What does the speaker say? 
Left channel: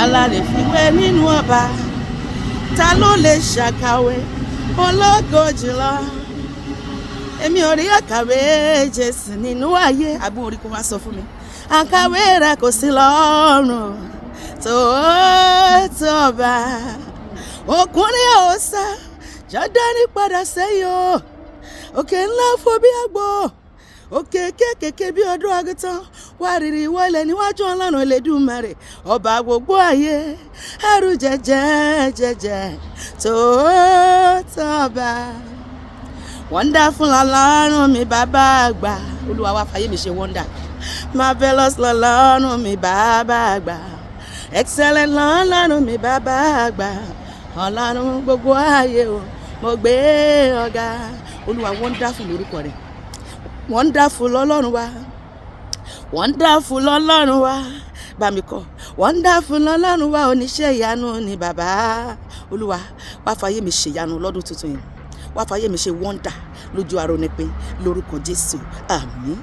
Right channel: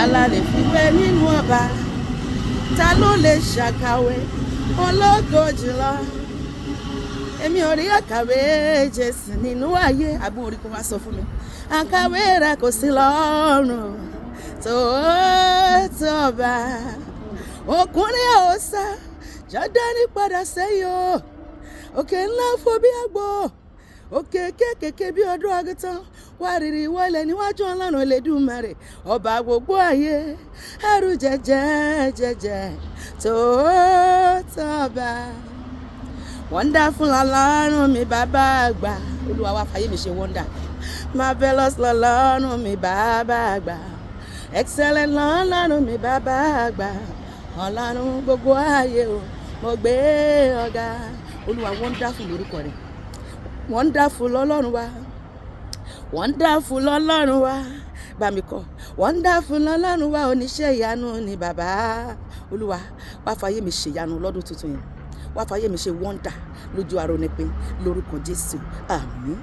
Tala lè fiwe nínú ọba, ta ló lè ṣàkàwé ológo jùlọ. Èmi ò rí àkàwé Jésù nínú ayé. Àbúrò orí kò wá sọ fún mi. Àkàwé rẹ̀ kò sí lọ́rùn tó tọ́ba. Ọkùnrin ọ̀sà Jọ́dánì padà sẹ́yìn o. Òkè ńlá fò bí àgbò, òkè kékèké bí ọdún àgùntàn. Wárìrì wọlé níwájú Ọlọ́run Elédùmarè, ọba gbogbo ayé. Ẹrù jẹjẹ tó tọ́ba. Wonderful Ọlọ́run mi bàbá àgbà. Olúwa wá fàyè mi ṣe wonder. Marvelous lọ́lọ́run mi bàbá àgbà. Excellent lọ́lọ́run mi bàbá àgbà. Ọlọ́run gbogbo ayé o, mo gbé ọ̀gá. Olúwa wonderful lórúkọ rẹ̀. Wonderful Ọlọ́run wa. Wonderful Ọlọ́run wa. Bá mi kọ. Wonderful Ọlọ́run wa, oníṣẹ́ ìyanu ni bàbá. Olúwa wá fàyè mi ṣe ìyanu lọ́dún tuntun yìí. Wá fàyè mi ṣe wonder lójú arónípin lórúkọ Jésù. Àmín.